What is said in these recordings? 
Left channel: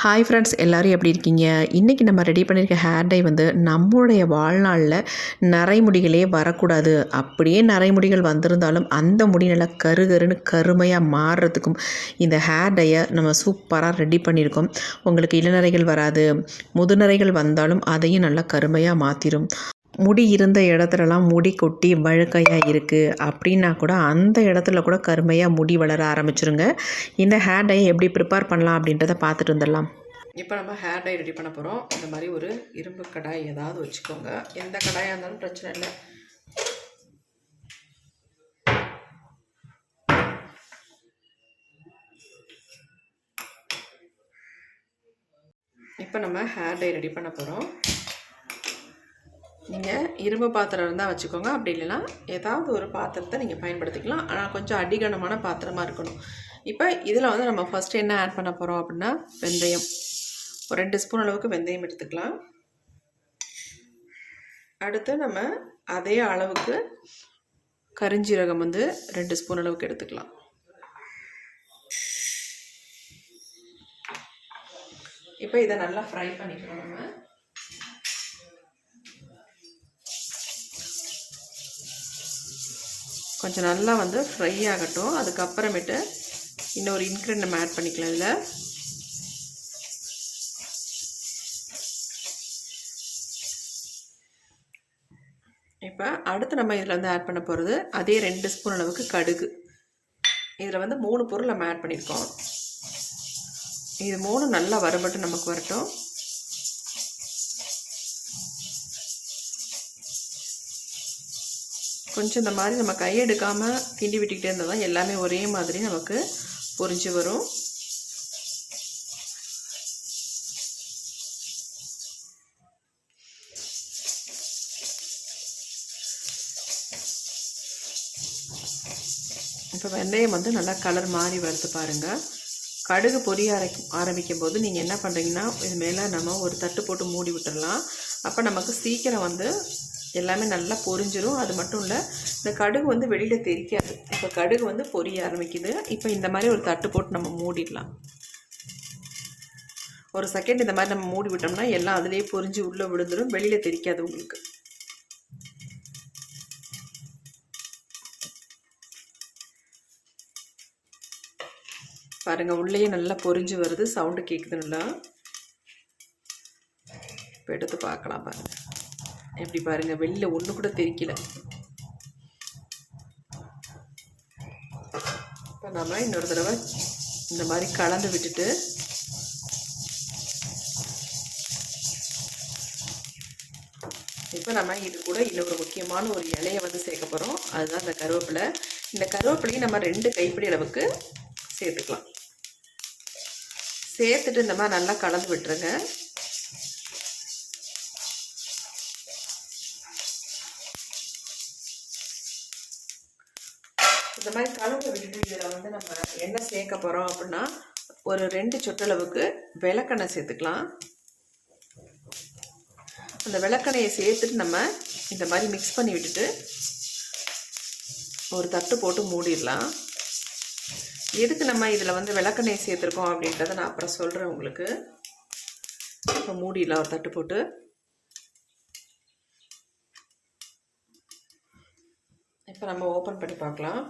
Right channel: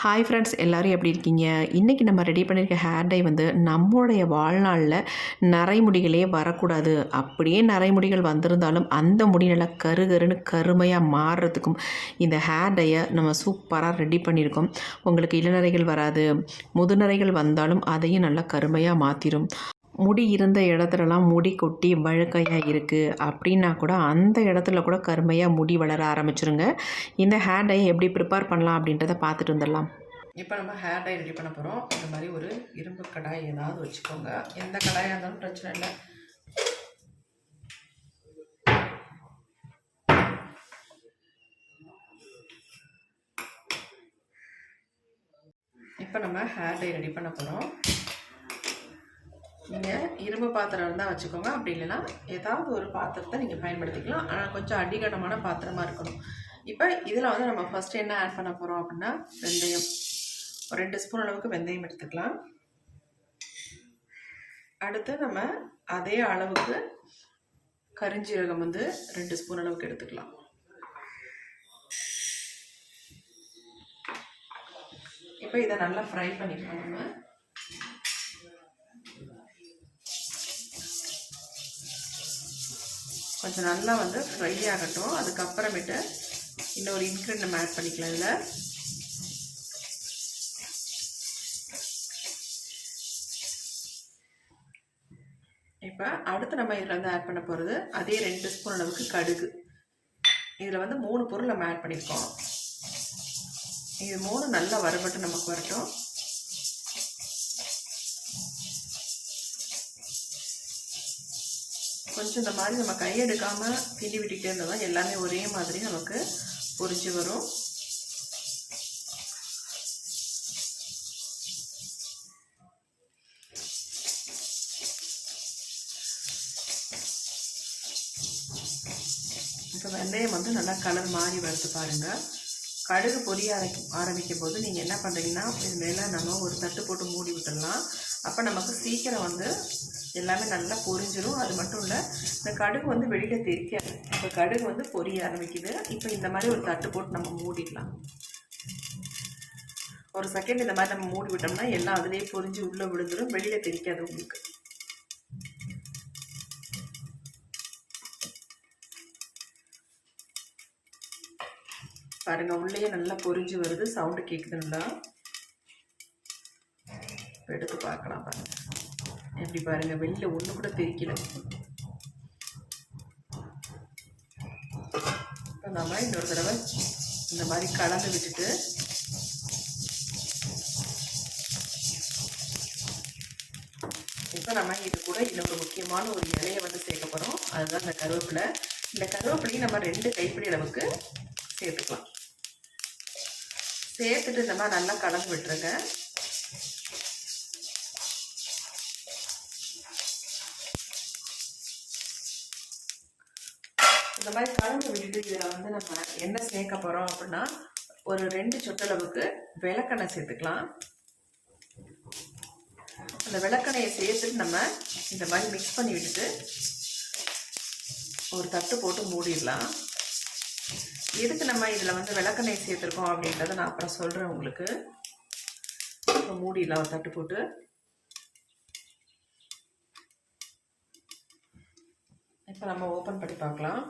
Hi friends எல்லோரும் எப்படி இருக்கீங்க? இன்றைக்கி நம்ம ரெடி பண்ணியிருக்க ஹேர் டை வந்து நம்மளுடைய வாழ்நாளில் நரைமுடிகளே வரக்கூடாது. அப்படியே நரைமுடிகள் வந்திருந்தாலும் அந்த முடி நல்லா கரு கருன்னு கருமையாக மாறுறதுக்கும் இந்த ஹேர் டையை நம்ம சூப்பராக ரெடி பண்ணியிருக்கோம் உங்களுக்கு இளநரைகள் வராது. முதுநரைகள் வந்தாலும் அதையும் நல்லா கருமையாக மாற்றிடும் முடி இருந்த இடத்துலலாம் முடி கொட்டி வழுக்கையாக இருக்குது அப்படின்னா கூட அந்த இடத்துல கூட கருமையாக முடி வளர ஆரம்பிச்சிருங்க. இந்த ஹேர் டை எப்படி ப்ரிப்பேர் பண்ணலாம் அப்படின்றத பார்த்துட்டு வந்துடலாம். இப்போ நம்ம ஹேர் டை ரெடி பண்ண போகிறோம் இந்த மாதிரி ஒரு இரும்பு கடாய் ஏதாவது வச்சுக்கோங்க. எந்த கடாயாக இருந்தாலும் பிரச்சனை இல்லை. இப்போ நம்ம ஹேர் டை ரெடி பண்ண போகிறோம் நீங்கள் இரும்பு பாத்திரம் இருந்தால் வச்சுக்கோங்க. அப்படி இல்லைன்னா ஏதாவது ஒரு பாத்திரத்தை நீங்கள் பயன்படுத்திக்கலாம். ஆனால் கொஞ்சம் அடிகனமான பாத்திரமாக இருக்கணும். இப்போ இதில் வந்து நம்ம ஃபஸ்ட்டு என்ன ஆட் பண்ண போகிறோம் அப்படின்னா வெந்தயம். ஒரு ரெண்டு ஸ்பூன் அளவுக்கு வெந்தயம் எடுத்துக்கலாம். அடுத்து நம்ம அதே அளவுக்கு கரிஞ்சீரகம் வந்து ரெண்டு ஸ்பூன் அளவுக்கு எடுத்துக்கலாம். இப்போ இதை நல்லா ஃப்ரை பண்ணிக்கலாம் நம்ம. கொஞ்சம் நல்லா வந்து ஃப்ரை ஆகட்டும். அதுக்கப்புறமேட்டு இன்னொரு இன்க்ரீட் நம்ம ஆட் பண்ணிக்கலாம் இதில். இப்போ அடுத்து நம்ம இதில் வந்து ஆட் பண்ண போகிறது அதே ரெண்டு ஸ்பூன் அளவுக்கு கடுகு. இதில் வந்து மூணு பொருள் நம்ம ஆட் பண்ணியிருக்கோம். இது மூணு நல்லா வறுபட்டு நமக்கு வரட்டும். கொஞ்சம் இந்த மாதிரி நம்ம கையெடுக்காமல் கிண்டி விட்டுக்கிட்டே இருந்தால் தான் எல்லாமே ஒரே மாதிரி நமக்கு பொரிஞ்சு வரும். இப்போ வெந்தயம் வந்து நல்லா கலர் மாறி வறுத்து பாருங்கள் கடுகு பொரிய அரைக்கும் ஆரம்பிக்கும் போது நீங்கள் என்ன பண்ணுறீங்கன்னா இது மேலே நம்ம ஒரு தட்டு போட்டு மூடி விட்டுடலாம் அப்போ நமக்கு சீக்கிரம் வந்து எல்லாமே நல்லா பொரிஞ்சிடும் அது மட்டும் இல்லை இந்த கடுகு வந்து வெளியில் தெரிக்காது. இப்போ கடுகு வந்து பொரிய ஆரம்பிக்குது. இப்போ இந்த மாதிரி ஒரு தட்டு போட்டு நம்ம மூடிடலாம். ஒரு செகண்ட் இந்த மாதிரி நம்ம மூடி விட்டோம்னா எல்லாம் அதுலேயே பொரிஞ்சு உள்ளே விழுந்துடும் வெளியில் தெரிக்காது உங்களுக்கு. பாருங்கள் உள்ளேயே நல்லா பொரிஞ்சு வருது. சவுண்டு கேட்குதுங்களா இப்போ எடுத்து பார்க்கலாம் பாருங்கள் எப்படி பாருங்கள் வெளியில் ஒன்று கூட தெரிக்கல இப்போ நம்ம இன்னொரு தடவை இந்த மாதிரி கலந்து விட்டுட்டு இப்போ நம்ம இது கூட இன்னொரு முக்கியமான ஒரு இலையை வந்து சேர்க்க போகிறோம் அதுதான் இந்த கருவேப்பிலை. இந்த கருவேப்பிலையும் நம்ம ரெண்டு கைப்பிடி அளவுக்கு சேர்த்துக்கலாம். சேர்த்துட்டு இந்த மாதிரி நல்லா கலந்து விட்டுருங்க. இந்த மாதிரி கலந்து விட்டுட்டு இதில் வந்து நம்ம என்ன சேர்க்க போகிறோம் அப்படின்னா ஒரு ரெண்டு சொட்டளவுக்கு விளக்கெண்ணெய் சேர்த்துக்கலாம். அந்த விளக்கெண்ணையை சேர்த்துட்டு நம்ம இந்த மாதிரி மிக்ஸ் பண்ணி விட்டுட்டு ஒரு தட்டு போட்டு மூடிடலாம். எதுக்கு நம்ம இதில் வந்து விளக்கெண்ணெய் சேர்த்துருக்கோம் அப்படின்றத நான் அப்புறம் சொல்கிறேன் உங்களுக்கு. அப்புறம் மூடிடலாம் ஒரு தட்டு போட்டு. இப்போ நம்ம ஓப்பன் பண்ணி பார்க்கலாம்.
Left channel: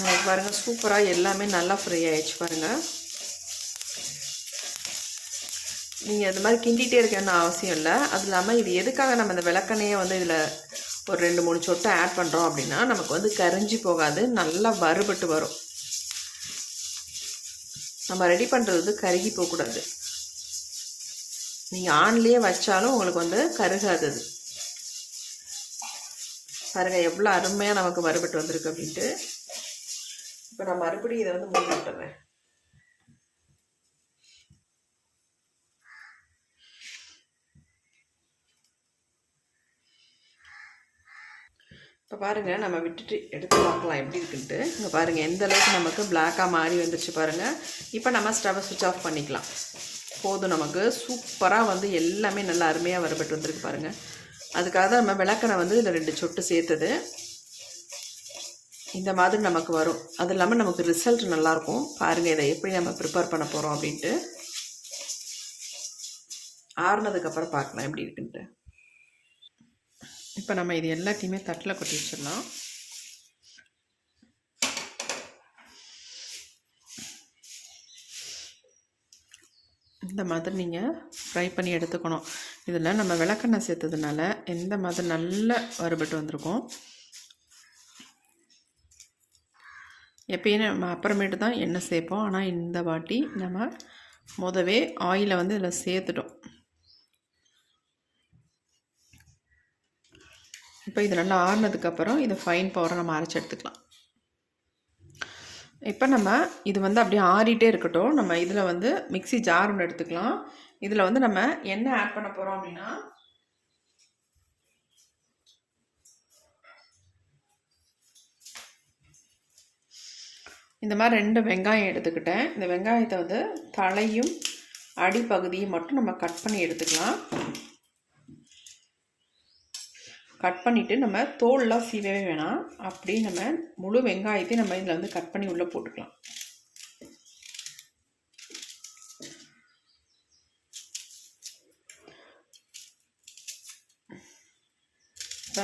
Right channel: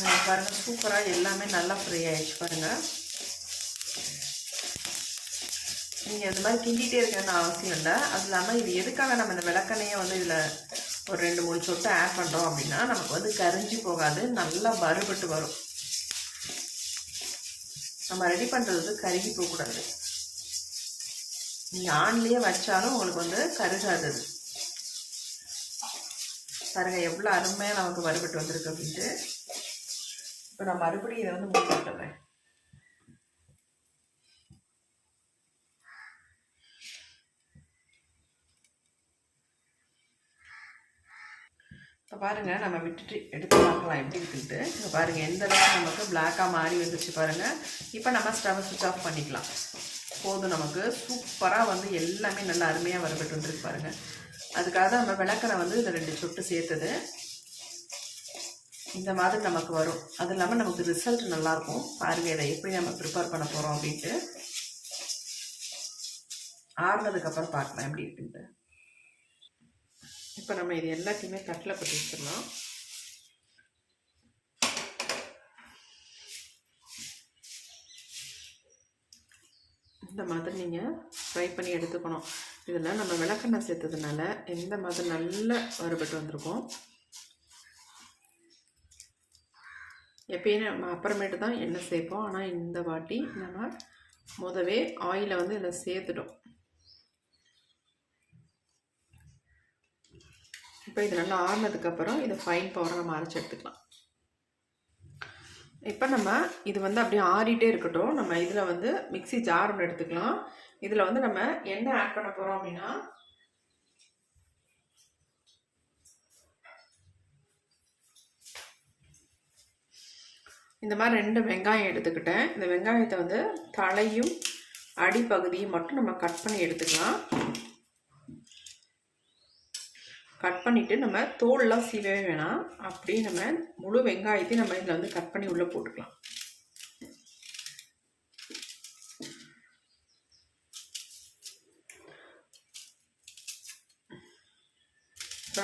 நம்ம பாருங்கள் சூப்பராக எல்லாமே நல்லா ஃப்ரை ஆயிடுச்சு பாருங்கள் நீங்கள் அந்த மாதிரி கிண்டிகிட்டே இருக்கணும்னு அவசியம் இல்லை. அது இல்லாமல் இது எதுக்காக நம்ம இந்த விளக்கெண்ணையை வந்து இதில் ஒரு ரெண்டு மூணு சொட்டு ஆட் பண்ணுறோம் அப்படின்னா நமக்கு வந்து கரைஞ்சி போகாது நல்லா வறுபட்டு வரும். நம்ம ரெடி பண்ணுறது வந்து கருகி போகக்கூடாது. நீங்கள் ஆன்லேயே வச்சாலும் உங்களுக்கு வந்து கருகாது அது பாருங்கள் எவ்வளோ அருமையாக நமக்கு வறுபட்டு வந்திருக்கு அப்படின்ட்டு. இப்போ நான் மறுபடியும் இதை வந்து மூடி விட்டுறேன். இப்போ பாருங்கள் நம்ம விட்டுட்டு எடுத்து பார்க்கலாம் எப்படி இருக்குன்ட்டு. இப்போ பாருங்கள் எந்த அளவுக்கு நமக்கு பிளாக்காக மாறி வந்துச்சு பாருங்கள் இப்போ நம்ம ஸ்டவ்வை சுவிட்ச் ஆஃப் பண்ணிக்கலாம். போதும் நமக்கு. சூப்பராக வந்து எல்லாமே நல்லா அருமையாக வரப்பட்டு வந்துருக்கு பாருங்கள் அதுக்காக தான் நம்ம விளக்கணை வந்து இதில் ரெண்டு சொட்டு சேர்த்தது. இந்த மாதிரி நமக்கு வரும். அது இல்லாமல் நமக்கு ரிசல்ட் நல்லாயிருக்கும் பாருங்கள் இதை எப்படி நம்ம ப்ரிப்பேர் பண்ண போகிறோம் அப்படின்ட்டு. ஆறுனதுக்கப்புறம் பார்க்கலாம் எப்படி இருக்குன்ட்டு. இப்போ நம்ம இது எல்லாத்தையுமே தட்டில் கொட்டி வச்சிடலாம். இந்த மாதிரி நீங்கள் ஃப்ரை பண்ணி எடுத்துக்கணும். இதில் நம்ம விளக்கெண்ணெய் சேர்த்ததுனால எந்த மாதிரி நல்ல வறுபட்டு வந்திருக்கும் எப்பயும் நம்ம அப்புறமேட்டு தான் எண்ணெய் சேர்ப்போம். ஆனால் இந்த வாட்டி நம்ம முதவே ஆயிலை வந்து இதில் சேர்த்துட்டோம். இப்போ இது நல்லா ஆறுனதுக்கப்புறம் இதை ஃபைன் பவுடர் நம்ம அரைச்சி எடுத்துக்கலாம். இப்போ நம்ம இது வந்து அப்படியே ஆறிட்டே இருக்கட்டும். நம்ம இதில் வந்து மிக்ஸி ஜார் ஒன்று எடுத்துக்கலாம். இதில் வந்து நம்ம என்ன ஆட் பண்ண போகிறோம் அப்படின்னா இந்த மாதிரி ரெண்டு வெங்காயம் எடுத்துக்கிட்டேன். இந்த வெங்காயத்தை வந்து தலையும் அடிப்பகுதியும் மட்டும் நம்ம கட் பண்ணி எடுத்துக்கலாம். கட் பண்ணிவிட்டு நம்ம தோல்லாம் சீவவே வேணாம். அப்படியே நம்ம முழு வெங்காயத்தையும் நம்ம இதில் வந்து கட் பண்ணி உள்ளே போட்டுக்கலாம்.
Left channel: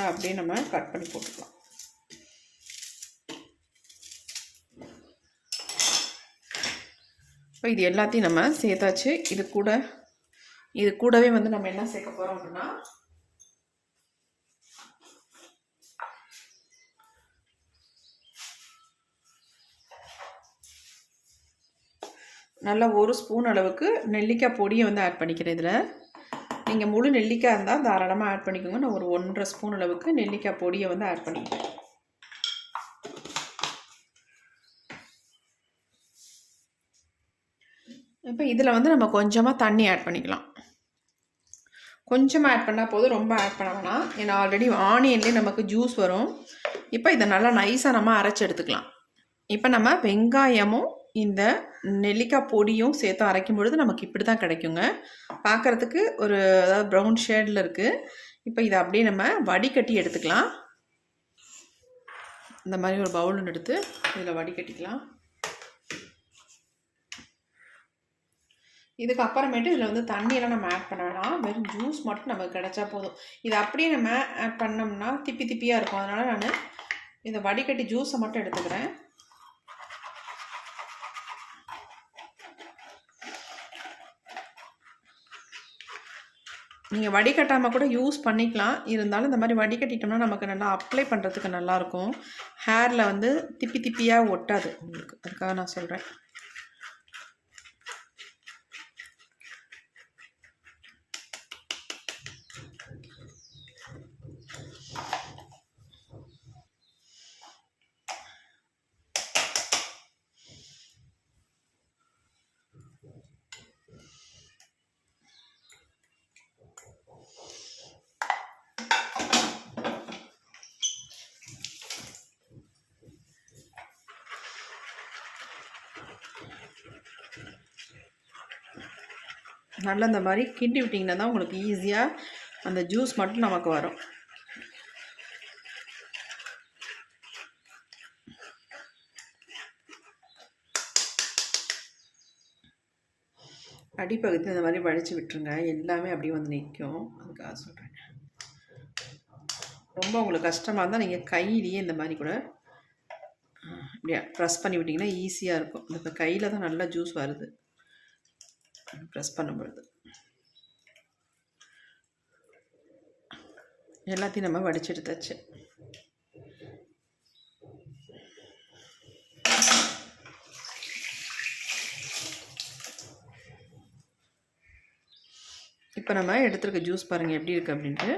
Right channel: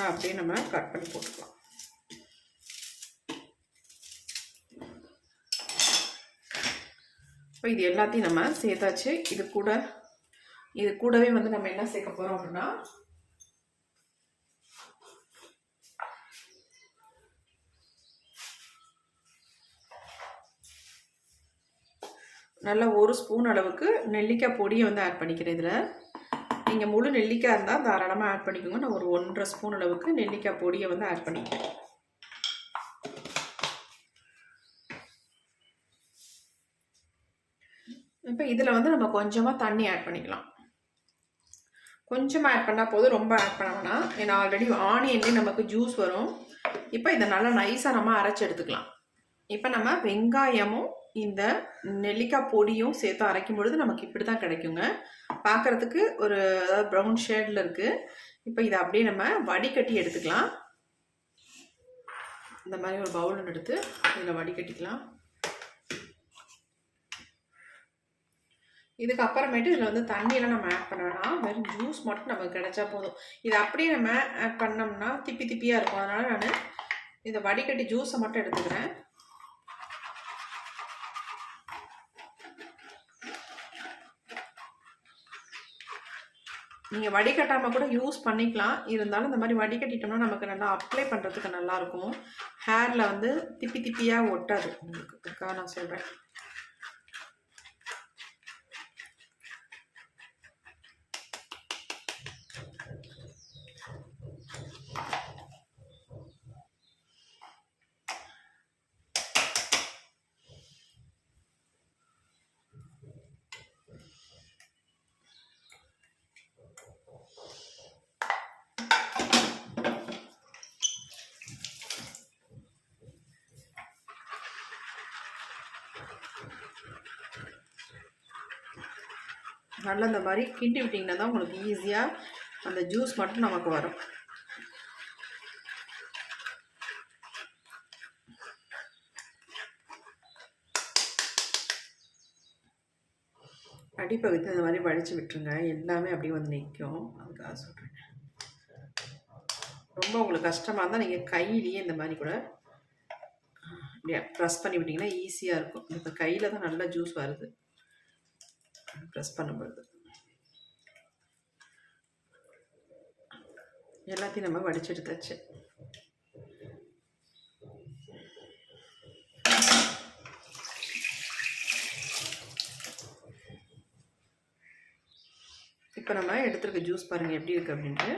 இப்போ அப்படியே நம்ம கட் பண்ணி போட்டுக்கலாம். இப்போ இது எல்லாத்தையும் நம்ம சேர்த்தாச்சு. இது கூட இது கூடவே வந்து நம்ம என்ன சேர்க்க போகிறோம் அப்படின்னா நல்லா ஒரு ஸ்பூன் அளவுக்கு நெல்லிக்காய் பொடியை வந்து ஆட் பண்ணிக்கிறேன் இதில். நீங்கள் முழு நெல்லிக்காய் இருந்தால் தாராளமாக ஆட் பண்ணிக்கோங்க. நான் ஒரு ஒன்றரை ஸ்பூன் அளவுக்கு நெல்லிக்காய் பொடியை வந்து ஆட் பண்ணிக்கிறேன். இப்போ இதில் வந்து நம்ம கொஞ்சமாக தண்ணி ஆட் பண்ணிக்கலாம். கொஞ்சமாக ஆட் பண்ணால் போதும். ரொம்ப ஆட் பண்ண வேணாம். ஏன்னா ஆல்ரெடி ஆனியன்லேயே நமக்கு ஜூஸ் வரும். இப்போ இதை நல்லா நைஸாக நம்ம அரைச்சி எடுத்துக்கலாம். இப்போ நம்ம வெங்காயமும் இந்த நெல்லிக்காய் பொடியும் சேர்த்து அரைக்கும் பொழுது நமக்கு இப்படி தான் கிடைக்குங்க. பார்க்குறதுக்கு ஒரு அதாவது ப்ரௌன் ஷேடில் இருக்குது இப்போ இதை அப்படியே நம்ம வடிகட்டி எடுத்துக்கலாம். இந்த மாதிரி ஒரு பவுல் எடுத்து இதில் வடிகட்டிக்கலாம். இதுக்கு அப்புறமேட்டு இதில் வந்து தண்ணியெல்லாம் நம்ம ஆட் பண்ண வேணாம் வெறும் ஜூஸ் மட்டும் நமக்கு கிடைச்சா போதும். இது அப்படியே நம்ம ஆட் பண்ணோம்னா திப்பி திப்பியாக இருக்கும். அதனால் நான் இந்த வடிகட்டி ஜூஸை மட்டும் எடுத்துக்கிறேன். நீங்கள் வடிகட்டாமல் கூட யூஸ் பண்ணிக்கலாம். இருந்தாலும் இந்த மாதிரி வடிகட்டிட்டோம்னா நமக்கு நல்லா அப்ளை பண்ணுறதுக்கு நல்லாயிருக்கும் ஹேரில் வந்து திப்பி திப்பியாக ஒட்டாது உங்களுக்கு. அதுக்காக நான் சொல்கிறேன் நல்லா இந்த மாதிரி கிண்டி விட்டிங்கன்னா தான் உங்களுக்கு ஈஸியாக அந்த ஜூஸ் மட்டும் நமக்கு வரும். அடிப்பகுத்து இந்த மாதிரி வடித்து விட்டுருங்க. எல்லாமே அப்படியே வந்து நிற்கும் அதுக்காக சொல்கிறேன் ரொம்ப உங்களுக்கு கஷ்டமாக இருந்தால் நீங்கள் கையிலேயே இந்த மாதிரி கூட அப்படியே ப்ரெஸ் பண்ணி விட்டிங்கன்னா ஈஸியாக இருக்கும். இந்த கையில் தான் நல்லா ஜூஸ் வருது. ப்ரெஸ் பண்ணும்பொழுது. எல்லாத்தையும் நம்ம வடிச்செடுத்தாச்சு. இப்போ நம்ம எடுத்துருக்க ஜூஸ் பாருங்கள் எப்படி இருக்குது அப்படின்ட்டு.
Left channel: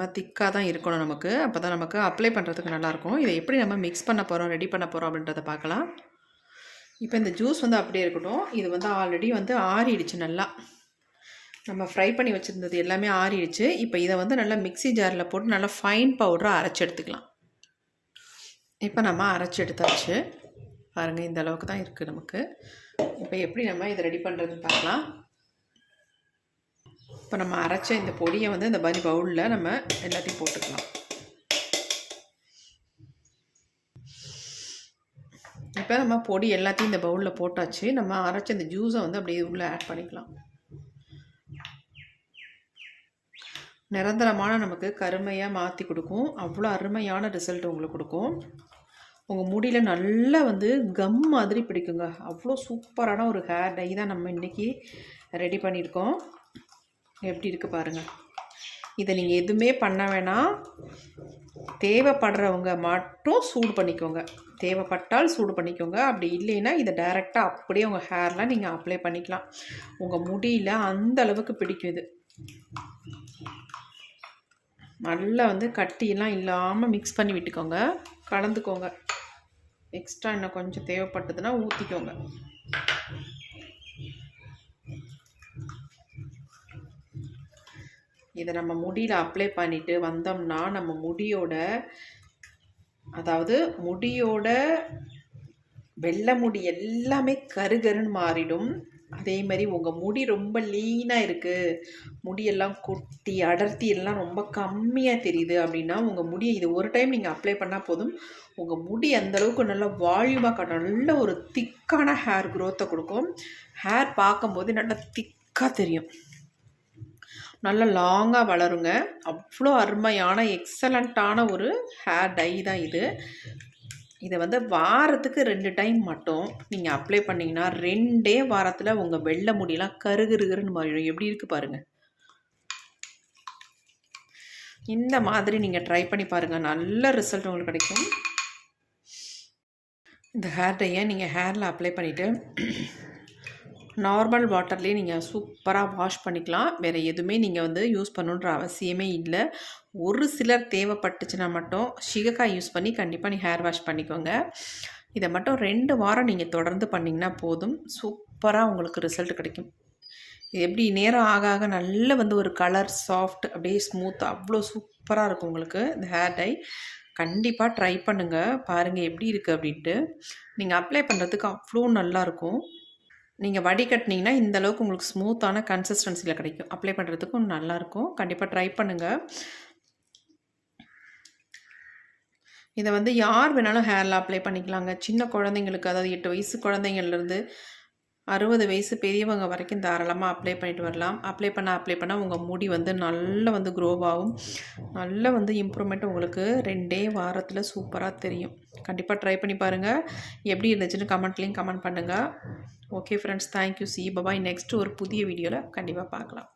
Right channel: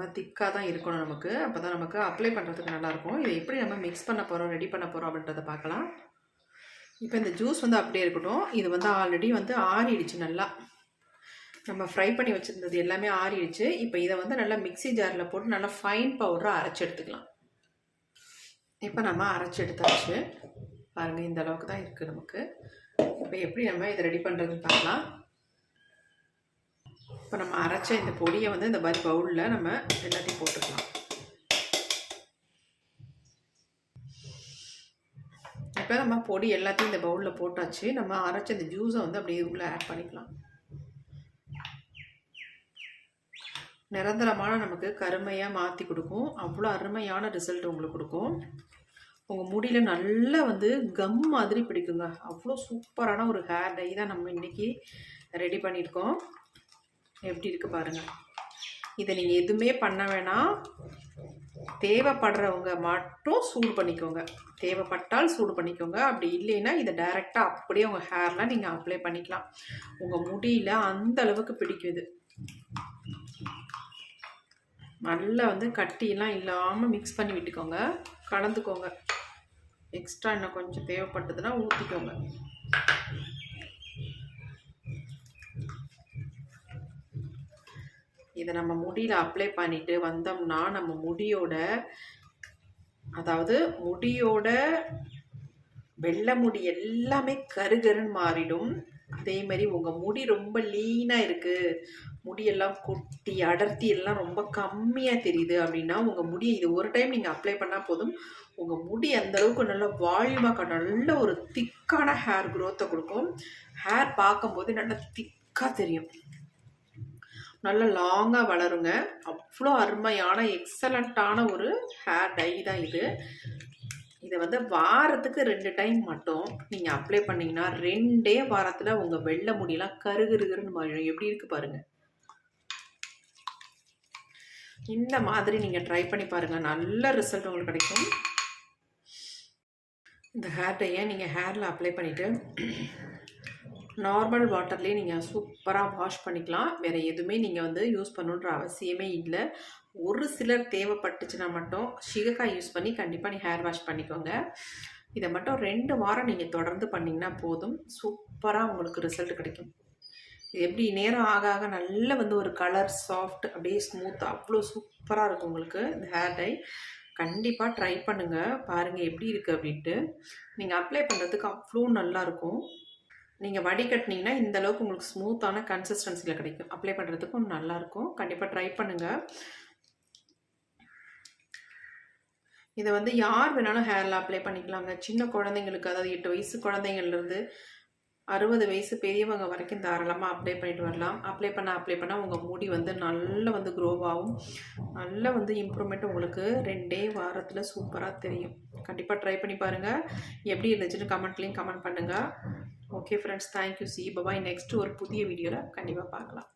ரொம்ப திக்காக தான் இருக்கணும் நமக்கு. அப்போ தான் நமக்கு அப்ளை பண்ணுறதுக்கு நல்லாயிருக்கும். இதை எப்படி நம்ம மிக்ஸ் பண்ண போகிறோம் ரெடி பண்ண போகிறோம் அப்படின்றத பார்க்கலாம். இப்போ இந்த ஜூஸ் வந்து அப்படியே இருக்கட்டும். இது வந்து ஆல்ரெடி வந்து ஆறிடுச்சு நல்லா. நம்ம ஃப்ரை பண்ணி வச்சுருந்தது எல்லாமே ஆறிடுச்சு. இப்போ இதை வந்து நல்லா மிக்ஸி ஜாரில் போட்டு நல்லா ஃபைன் பவுடராக அரைச்சி எடுத்துக்கலாம். இப்போ நம்ம அரைச்சி எடுத்தாச்சு. பாருங்கள் இந்த அளவுக்கு தான் இருக்குது நமக்கு. இப்போ எப்படி நம்ம இதை ரெடி பண்ணுறதுன்னு பார்க்கலாம். இப்போ நம்ம அரைச்ச இந்த பொடியை வந்து இந்த மாதிரி பவுலில் நம்ம எல்லாத்தையும் போட்டுக்கலாம். இப்போ நம்ம பொடி எல்லாத்தையும் இந்த பவுலில் போட்டாச்சு. நம்ம அரைச்ச இந்த ஜூஸை வந்து அப்படியே உள்ளே ஆட் பண்ணிக்கலாம். நிரந்தரமான நமக்கு கருமையாக மாற்றி கொடுக்கும். அவ்வளோ அருமையான ரிசல்ட் உங்களுக்கு கொடுக்கும். உங்கள் முடியில் நல்லா வந்து கம் மாதிரி பிடிக்குங்க. அவ்வளோ சூப்பரான ஒரு ஹேர் டை தான் நம்ம இன்றைக்கி ரெடி பண்ணியிருக்கோம். எப்படி இருக்குது பாருங்கள் இதை நீங்கள் எதுவுமே பண்ண வேணாம் தேவைப்படுறவங்க மட்டும் சூடு பண்ணிக்கோங்க. தேவைப்பட்டால் சூடு பண்ணிக்கோங்க. அப்படி இல்லைன்னா இதை டைரெக்டாக அப்படியே உங்கள் ஹேர்லாம் நீங்கள் அப்ளை பண்ணிக்கலாம். உங்கள் முடியில் அந்த அளவுக்கு பிடிக்கும் இது. நல்லா வந்து கட்டியெல்லாம் இல்லாமல் மிக்ஸ் பண்ணி விட்டுக்கோங்க. கலந்துக்கோங்க. எக்ஸ்ட்ரா இன்னும் கொஞ்சம் தேவைப்பட்டதுன்னா ஊற்றிக்கோங்க இதை நம்ம முடியில் அப்ளை பண்ணிவிட்டு வந்தோம்னா நம்ம முடியோட அதாவது முடியோட வெள்ளை முடி எல்லாமே கருகருன்னு மாறிடும். அதே மாதிரி உங்கள் முடி ரொம்ப லீனாக இருக்குது முடியெல்லாம் கொட்டி அடர்த்தி எல்லாம் ரொம்ப கம்மியாக தெரியுது அப்படின்னா உங்கள் முடியை இது ஒரு டைம் நீங்கள் அப்ளை பண்ணால் போதும். உங்கள் முடி அந்தளவுக்கு நல்ல வால்யூமாக நல்ல ஒரு திக்கான ஹேர் க்ரோத்தை கொடுக்கும். ஹேர் பார்க்கும்போது நல்லா திக்காக தெரியும். நல்லா லாங்காக வளருங்க. அவ்வளோ அருமையான எக்ஸலண்ட்டான ஒரு ஹேர் டை தான் இது. இதை வந்து வாரத்துக்கு ரெண்டு டைம் மட்டும் நீங்கள் அப்ளை பண்ணிங்கன்னா ரெண்டே வாரத்தில் உங்கள் வெள்ளை முடியெல்லாம் கருகிருகிருன்னு மாறிடும். எப்படி இருக்குது பாருங்கள் இந்த மாதிரி நீங்கள் ட்ரை பண்ணி பாருங்கள் நல்ல ரிசல்ட் உங்களுக்கு கிடைக்கும். இந்த ஹேர் டையை நீங்கள் ஹேரில் அப்ளை பண்ணிவிட்டு நார்மல் வாட்டர்லேயே நீங்கள் சூப்பராக வாஷ் பண்ணிக்கலாம். வேறு எதுவுமே நீங்கள் வந்து யூஸ் பண்ணுன்ற அவசியமே இல்லை. ஒரு சிலர் தேவைப்பட்டுச்சுன்னா மட்டும் சிகக்காய் யூஸ் பண்ணி கண்டிப்பாக நீ ஹேர் வாஷ் பண்ணிக்கோங்க. இதை மட்டும் ரெண்டு வாரம் நீங்கள் தொடர்ந்து பண்ணிங்கன்னா போதும். சூப்பராக உங்களுக்கு ரிசல்ட் கிடைக்கும். இது எப்படி நேரம் ஆக ஆக நல்ல வந்து ஒரு கலர் சாஃப்ட் அப்படியே ஸ்மூத் அவ்வளோ சூப்பராக இருக்கும் உங்களுக்கு இந்த ஹேர் டை. கண்டிப்பாக ட்ரை பண்ணுங்கள் பாருங்கள் எப்படி இருக்குது அப்படின்ட்டு. நீங்கள் அப்ளை பண்ணுறதுக்கு அவ்வளோ நல்லாயிருக்கும் நீங்கள் வடிகட்டினீங்கன்னா இந்த அளவுக்கு உங்களுக்கு ஸ்மூத்தான கன்சிஸ்டன்சியில் கிடைக்கும். அப்ளை பண்ணுறதுக்கும் நல்லாயிருக்கும் கண்டிப்பாக ட்ரை பண்ணுங்கள் இதை வந்து யார் வேணாலும் ஹேரில் அப்ளை பண்ணிக்கலாங்க. சின்ன குழந்தைங்களுக்கு அதாவது எட்டு வயசு குழந்தைங்கள்லேருந்து அறுபது வயசு பெரியவங்க வரைக்கும் தாராளமாக அப்ளை பண்ணிட்டு வரலாம். அப்ளை பண்ண அப்ளை பண்ணால் உங்கள் முடி வந்து நல்லா வந்து க்ரோவாகும் நல்லா வந்து இம்ப்ரூவ்மெண்ட் உங்களுக்கு ரெண்டே வாரத்தில் சூப்பராக தெரியும். கண்டிப்பாக ட்ரை பண்ணி பாருங்கள் எப்படி இருந்துச்சுன்னு கமெண்ட்லேயும் கமெண்ட் பண்ணுங்கள் okay friends thank you see bye bye next ஒரு புதிய வீடியோவில் கண்டிப்பாக பார்க்கலாம்.